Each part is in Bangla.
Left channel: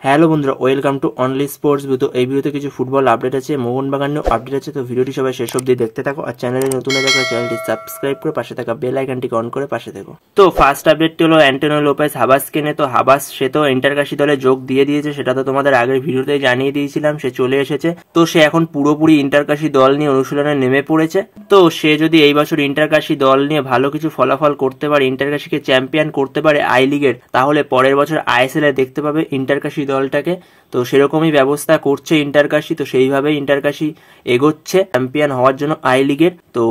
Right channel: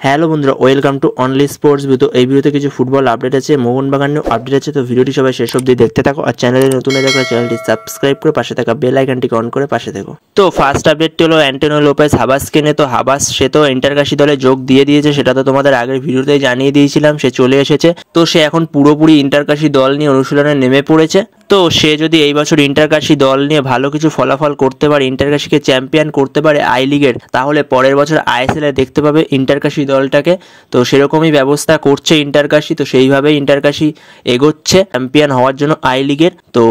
হ্যালো বন্ধুরা, welcome to only sports video. এই ভিডিওতে কিছু ফুটবল আপডেট আছে, মোহনবাগান নিয়েও আপডেট আছে। তো ভিডিওটি সবাই শেষ অবধি দেখতে থাকো, আর চ্যানেলে নতুন হয়ে থাকলে চ্যানেলটি সাবস্ক্রাইব করে পাশে থাকা বেল আইকনটিকে অন করে পাশে থেকো। তো ফার্স্ট আপডেটটি হলো অ্যান্টোনিও লোপেজ হাবাসকে নিয়ে। তো হাবাস সে তো ইন্টারকাশি দলে যোগ দিয়ে দিয়েছে, সেটা তো তোমাদের আগের ভিডিওতে জানিয়ে দিয়েছিলাম। সে চলে এসেছে, তো সে এখন পুরোপুরি ইন্টারকাশি দল নিয়ে অনুশীলনে নেমে পড়েছে। তো সে যদি এই বছর ইন্টারকাশি দল নিয়ে ভালো কিছু ফলাফল করতে পারে, ইন্টারকাশিকে চ্যাম্পিয়ন করতে পারে আই লিগের, তাহলে পরের বছর আইএসএল এ দেখতে পাবে ইন্টারকাশি দলটাকে। তো সেরকমই ব্যবস্থা করছে ইন্টারকাশি, তো সেইভাবেই ইন্টারকাশি এগোচ্ছে চ্যাম্পিয়ন হওয়ার জন্য আই লিগের। তো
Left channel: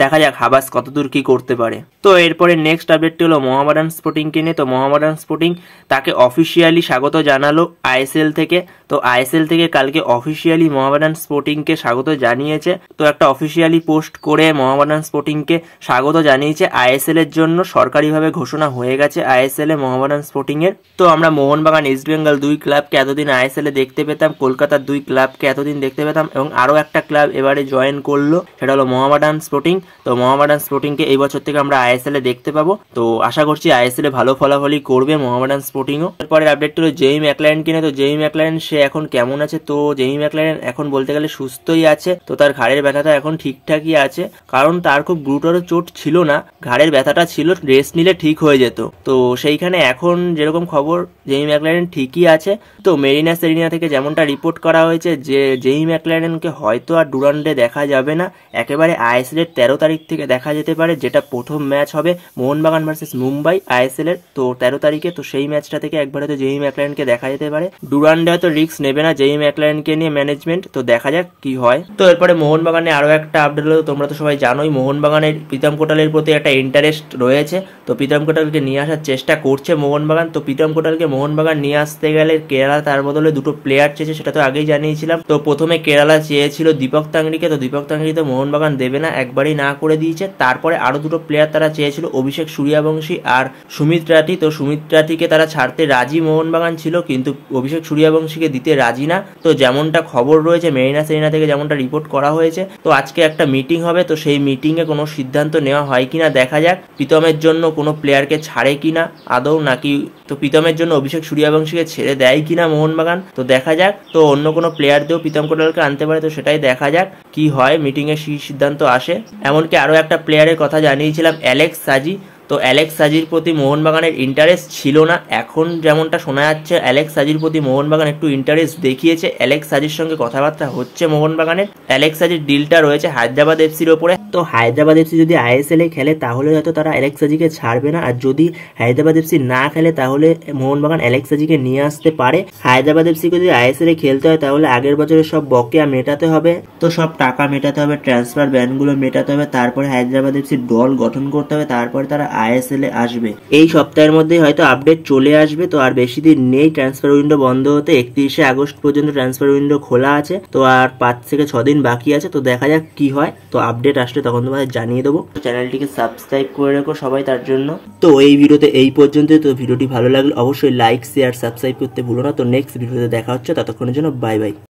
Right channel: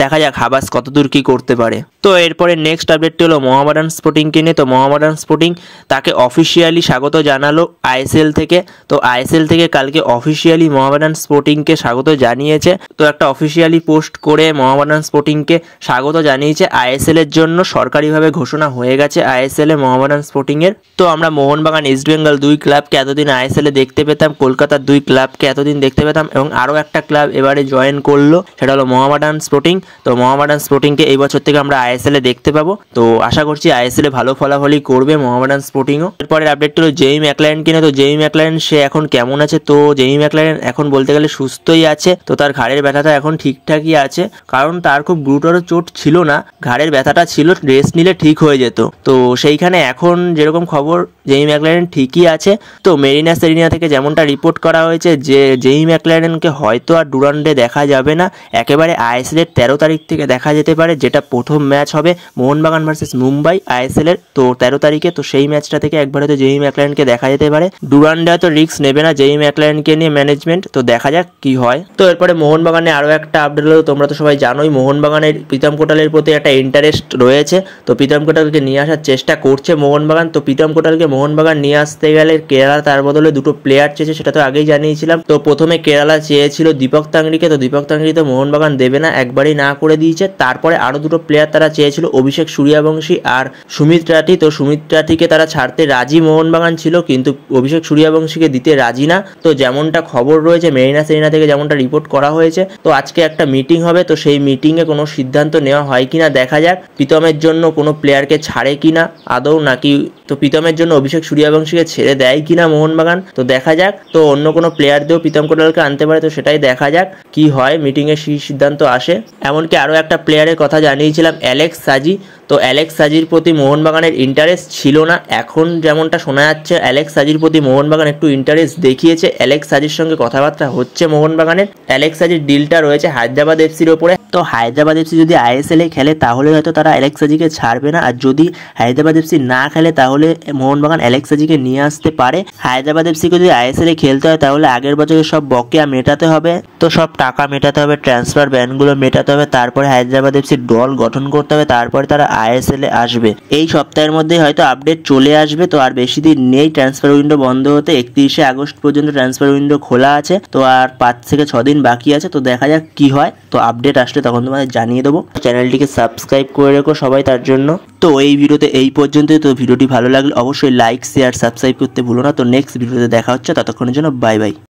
দেখা যাক হাবাস কতদূর কি করতে পারে। তো এরপরে নেক্সট আপডেটটি হলো মোহামেডান স্পোর্টিংকে নিয়ে। তো মোহামেডান স্পোর্টিং তাকে অফিসিয়ালি স্বাগত জানালো আইএসএল থেকে। তো আইএসএল থেকে কালকে অফিসিয়ালি মোহামেডান স্পোর্টিংকে স্বাগত জানিয়েছে। তো একটা অফিসিয়ালি পোস্ট করে মোহামেডান স্পোর্টিংকে স্বাগত জানিয়েছে আইএসএল এর জন্য। সরকারিভাবে ঘোষণা হয়ে গেছে আইএসএল এ মোহামেডান স্পোর্টিং এর। তো আমরা মোহনবাগান, ইস্ট বেঙ্গল দুই ক্লাবকে এতদিন আইএসএল এ দেখতে পেতাম, কলকাতার দুই ক্লাবকে এতদিন দেখতে পেতাম, এবং আরও একটা ক্লাব এবারে জয়েন করলো, সেটা হলো মোহামেডান স্পোর্টিং। তো মোহামেডান স্পোর্টিংকে এই বছর থেকে আমরা আইএসএল এ দেখতে পাবো। তো আশা করছি আইএসএল এ ভালো ফলাফলই করবে মোহামেডান স্পোর্টিংও। এরপরে আপডেট হলো জেমি ম্যাকলারেন কিনে। তো জেমি ম্যাকলারেন সে এখন কেমন আছে? তো জেমি ম্যাকলারেন এখন বলতে গেলে সুস্থই আছে। তো তার ঘাড়ের ব্যথাটা এখন ঠিকঠাকই আছে, কারণ তার খুব গুরুতর চোট ছিল না, ঘাড়ের ব্যথাটা ছিল, রেস্ট নিলে ঠিক হয়ে যেত। তো সেইখানে এখন যেরকম খবর জেমি ম্যাকলারেন ঠিকই আছে। তো মেরিনা সেরিনা থেকে যেমনটা রিপোর্ট করা হয়েছে যে জেমি ম্যাকলারেনকে হয়তো আর ডুরান্ডে দেখা যাবে না, একেবারে আইএসএল এর 13 তারিখ থেকে দেখা যেতে পারে, যেটা প্রথম ম্যাচ হবে মোহনবাগান ভার্সেস মুম্বাই আইএসএল এর। তো 13 তারিখে, তো সেই ম্যাচটা থেকে একবারে তো জেমি ম্যাকলারেনকে দেখা যেতে পারে। ডুরান্ডে তো রিস্ক নেবে না জেমি ম্যাকলারেনকে নিয়ে ম্যানেজমেন্ট। তো দেখা যাক কি হয়। তো এরপরে মোহনবাগানে আরও একটা আপডেট হলো, তোমরা তো সবাই জানোই মোহনবাগানের প্রীতম কোটালের প্রতি একটা ইন্টারেস্ট রয়েছে। তো প্রীতম কোটালকে নিয়ে আসার চেষ্টা করছে মোহনবাগান। তো প্রীতম কোটালকে মোহনবাগান নিয়ে আসতে গেলে কেরালা তার বদলে দুটো প্লেয়ার চেয়েছে, সেটা তো আগেই জানিয়েছিলাম। তো প্রথমে কেরালা চেয়েছিল দীপক তাংরিকে। তো দীপক তাংরি তো মোহনবাগান দেবে না, একবারই না করে দিয়েছে। তারপরে আরও দুটো প্লেয়ার তারা চেয়েছিল, অভিষেক সূর্যবংশী আর সুমিত রাঠি। তো সুমিত রাঠিকে তারা ছাড়তে রাজি মোহনবাগান ছিল, কিন্তু অভিষেক সূর্যবংশীকে দিতে রাজি না। তো যেমনটা খবর রয়েছে মেরিনা সেরিনা থেকে, যেমনটা রিপোর্ট করা হয়েছে, তো আজকে একটা মিটিং হবে। তো সেই মিটিংয়ে কোনো সিদ্ধান্ত নেওয়া হয় কিনা দেখা যাক। প্রীতমের জন্য কোনো প্লেয়ারকে ছাড়ে কিনা আদৌ, নাকি তো প্রীতমের জন্য অভিষেক সূর্যবংশীকে ছেড়ে দেয় কিনা মোহনবাগান, তো দেখা যাক। তো অন্য কোনো প্লেয়ার দিয়েও প্রীতম কোটালকে আনতে পারে, তো সেটাই দেখা যাক কি হয়, মিটিংয়ে সিদ্ধান্ত আসে। এমনকি আরও একটা প্লেয়ারের কথা জানিয়েছিলাম, অ্যালেক্স সাজি। তো অ্যালেক্স সাজির প্রতি মোহনবাগানের ইন্টারেস্ট ছিল না, এখন যেমনটা শোনা যাচ্ছে অ্যালেক্স সাজির প্রতি মোহনবাগান একটু ইন্টারেস্ট দেখিয়েছে। অ্যালেক্স সাজির সঙ্গে কথাবার্তা হচ্ছে মোহনবাগানের। অ্যালেক্স সাজির ডিলটা রয়েছে হায়দ্রাবাদ এফসির ওপরে। তো হায়দ্রাবাদ এফসি যদি আইএসএল এ খেলে তাহলে হয়তো তারা অ্যালেক্স সাজিকে ছাড়বে না, আর যদি হায়দ্রাবাদ এফসি না খেলে তাহলে মোহনবাগান অ্যালেক্স সাজিকে নিয়ে আসতে পারে। হায়দ্রাবাদ এফসিকে যদি আইএসএল এ খেলতে হয় তাহলে আগের বছরের সব বকেয়া মেটাতে হবে, তো সব টাকা মেটাতে হবে, ট্রান্সফার ব্যানগুলো মেটাতে হবে, তারপরে হায়দ্রাবাদ এফসির দল গঠন করতে হবে, তারপরে তারা আইএসএল এ আসবে। এই সপ্তাহের মধ্যে হয়তো আপডেট চলে আসবে। তো আর বেশি দিন নেই ট্রান্সফার উইন্ডো বন্ধ হতে, 31শে আগস্ট পর্যন্ত ট্রান্সফার উইন্ডো খোলা আছে। তো আর 5 থেকে 6 দিন বাকি আছে। তো দেখা যাক কি হয়। তো আপডেট আসলে তখন তোমাদের জানিয়ে দেবো। চ্যানেলটিকে সাবস্ক্রাইব করে রেখো সবাই তার জন্য। তো এই ভিডিওতে এই পর্যন্তই। তো ভিডিওটি ভালো লাগলে অবশ্যই লাইক, শেয়ার, সাবস্ক্রাইব করতে ভুলো না। তো নেক্সট ভিডিওতে দেখা হচ্ছে, ততক্ষণের জন্য বাই বাই।